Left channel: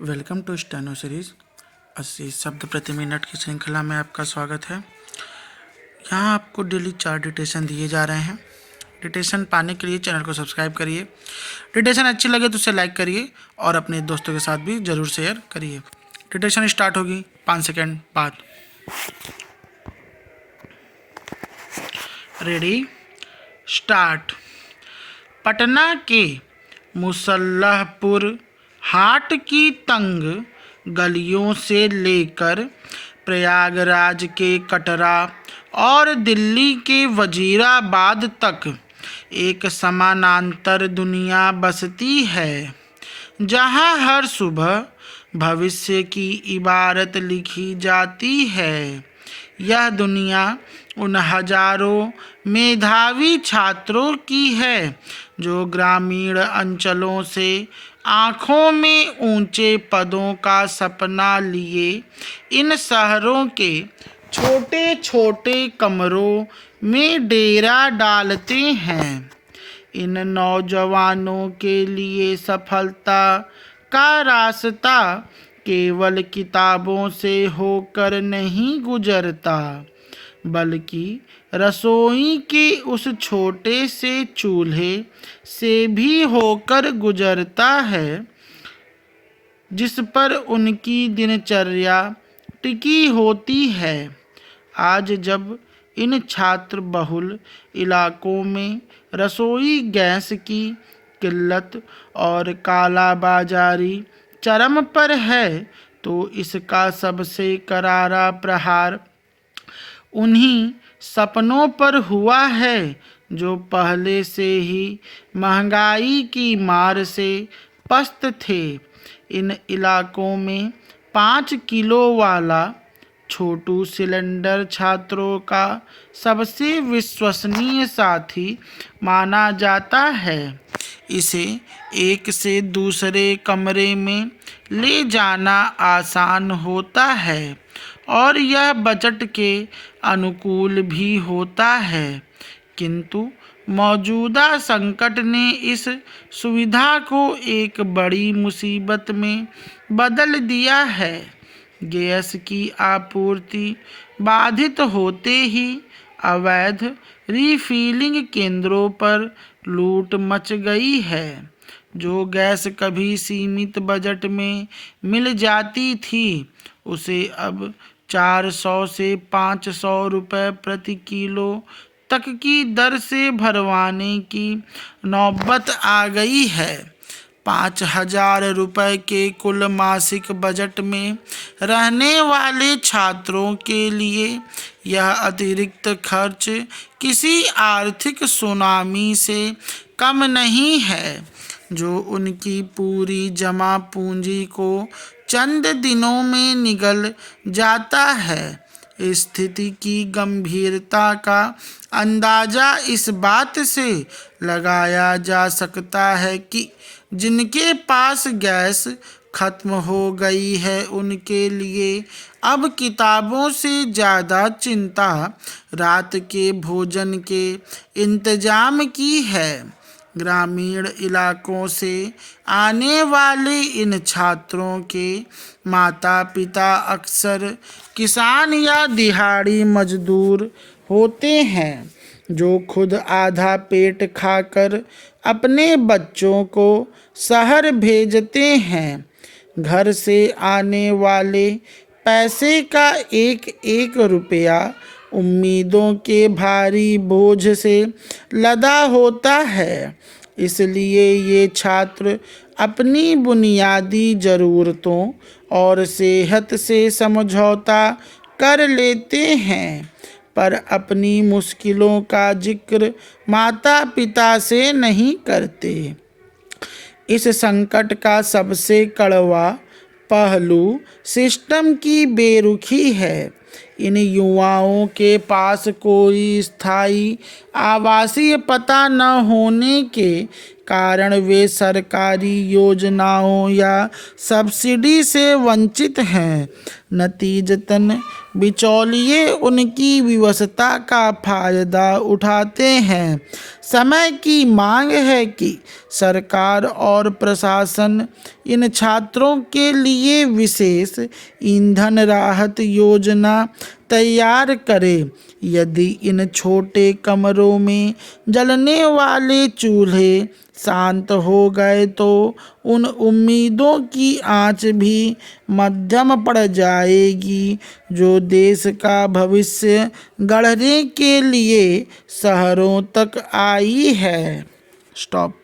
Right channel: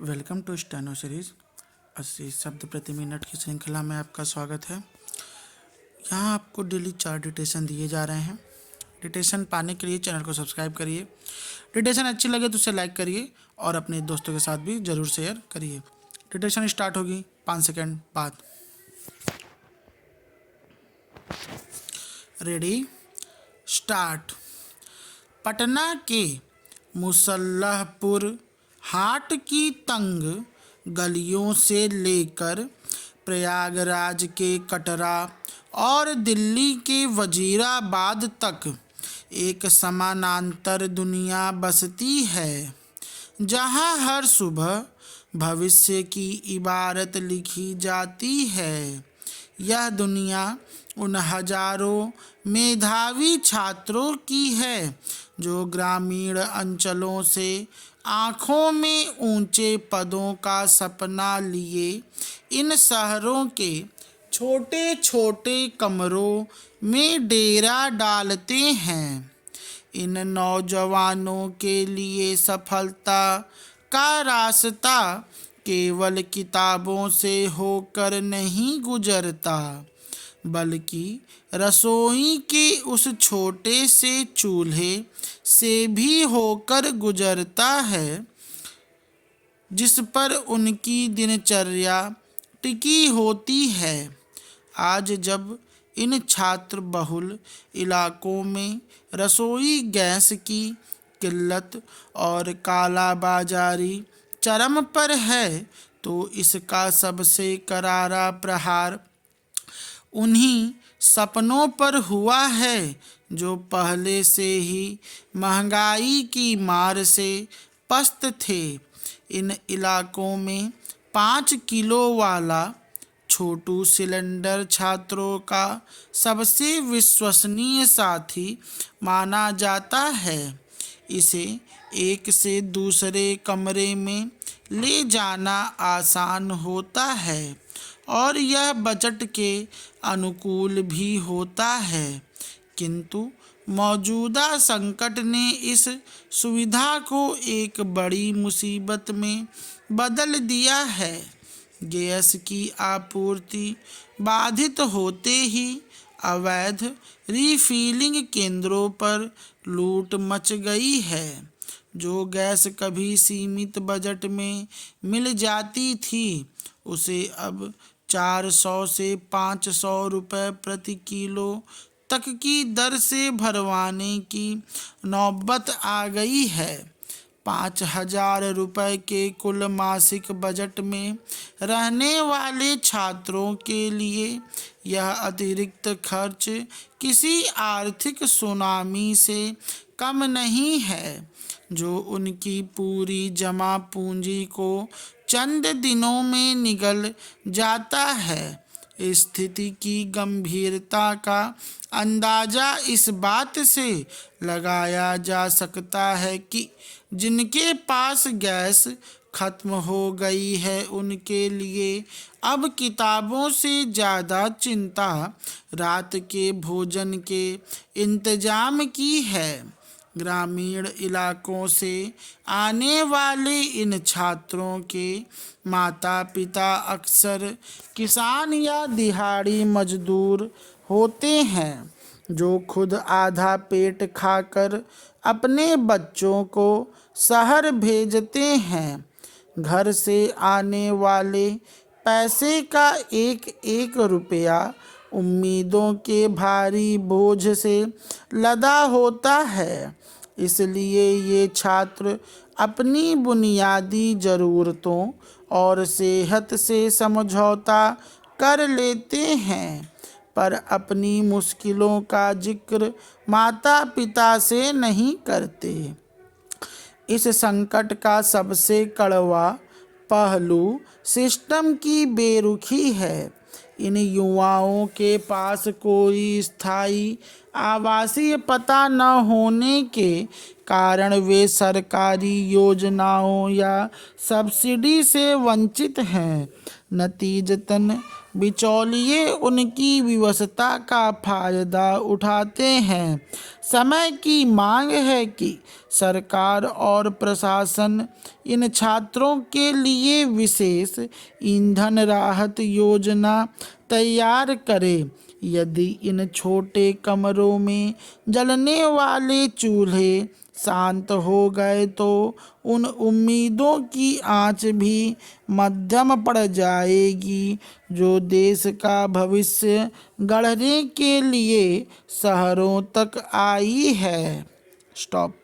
Welcome to steno series 80 शब्द प्रति minute की श्रृंखला में आपका स्वागत है। यहाँ आपको डेली 4 डिटेशन दिए जा रहे हैं। डिटेशन पाने के लिए चैनल को सब्सक्राइब करिए। डिटेशन अच्छी लगे तो उसे लाइक करिए और अपने दोस्तों के साथ भी ज़रूर शेयर करिए। डिटेशन स्टार्ट होगी 5 सेकेंड बाद। Ready start. पटना के मुसल्लहपुर हाट की तंग गलियों से लेकर प्रयागराज के कटरा और दिल्ली के वजीराबाद तक एक समानांतर दुनिया बसती है, जहाँ हर सुबह भविष्य की इबारत लिखी जाती है। यह दुनिया उन हजारों मेधावी छात्रों की है जो ग्रामीण अंचलों से आँखों में ऊंचे पदों का सपना लिए इन शहरों के छोटे छोटे कमरों में डेरा डालते हैं। इन नौजवानों के लिए सफलता का रास्ता केवल किताबों से होकर नहीं गुजरता, बल्कि रसोई के उस छोटे से चूल्हे से भी होकर गुजरता है जिस पर उनकी दिनचर्या टिकी होती है। आज जब इन छात्र बहुल इलाकों में रसोई गैस की किल्लत और कालाबाजारी चरम पर है, तो इसका सबसे करारा प्रहार उन्हीं सपनों पर हुआ है जो पहले से ही महंगाई की मार से पस्त थे। इन इलाकों में 5 किलो वाला छोटू सिलेंडर छात्रों का सबसे विश्वसनीय साथी माना जाता है। इसे एक से दूसरे कमरे में ले जाना आसान होता है और यह बजट के अनुकूल भी होता है, किंतु मौजूदा संकट ने इस सुविधा को एक बड़ी मुसीबत में बदल दिया है। गैस की आपूर्ति बाधित होते ही अवैध रीफिलिंग केंद्रों पर लूट मच गई है। जो गैस कभी सीमित बजट में मिल जाती थी, उसे अब 400 से 500 रुपये प्रति किलो तक की दर से भरवाने की नौबत आ गई है। 5,000 रुपये के कुल मासिक बजट में रहने वाले छात्रों के लिए यह अतिरिक्त खर्च किसी आर्थिक सुनामी से कम नहीं है, जो उनकी पूरी जमा पूंजी को चंद दिनों में निगल जाता है। स्थिति की गंभीरता का अंदाज़ा इस बात से लगाया जा सकता है कि जिनके पास गैस खत्म हो गई है, उनके लिए अब किताबों से ज़्यादा चिंता रात के भोजन के इंतजाम की है। ग्रामीण इलाकों से आने वाले इन छात्रों के माता पिता अक्सर किसान या दिहाड़ी मजदूर होते हैं, जो खुद आधा पेट खाकर अपने बच्चों को शहर भेजते हैं। घर से आने वाले पैसे का एक एक रुपया उम्मीदों के भारी बोझ से लदा होता है। इसलिए ये छात्र अपनी बुनियादी ज़रूरतों और सेहत से समझौता कर लेते हैं, पर अपनी मुश्किलों का जिक्र माता पिता से नहीं करते। इस संकट का सबसे कड़वा पहलू सिस्टम की बेरुखी है। इन युवाओं के पास कोई स्थायी आवासीय पता न होने के कारण वे सरकारी योजनाओं या सब्सिडी से वंचित हैं। नतीजतन बिचौलिए उनकी विवशता का फायदा उठाते हैं। समय की मांग है कि सरकार और प्रशासन इन छात्रों के लिए विशेष ईंधन राहत योजना तैयार करे। यदि इन छोटे कमरों में जलने वाले चूल्हे शांत हो गए तो उन उम्मीदों की आंच भी मध्यम पड़ जाएगी जो देश का भविष्य गढ़ने के लिए शहरों तक आई है। स्टॉप।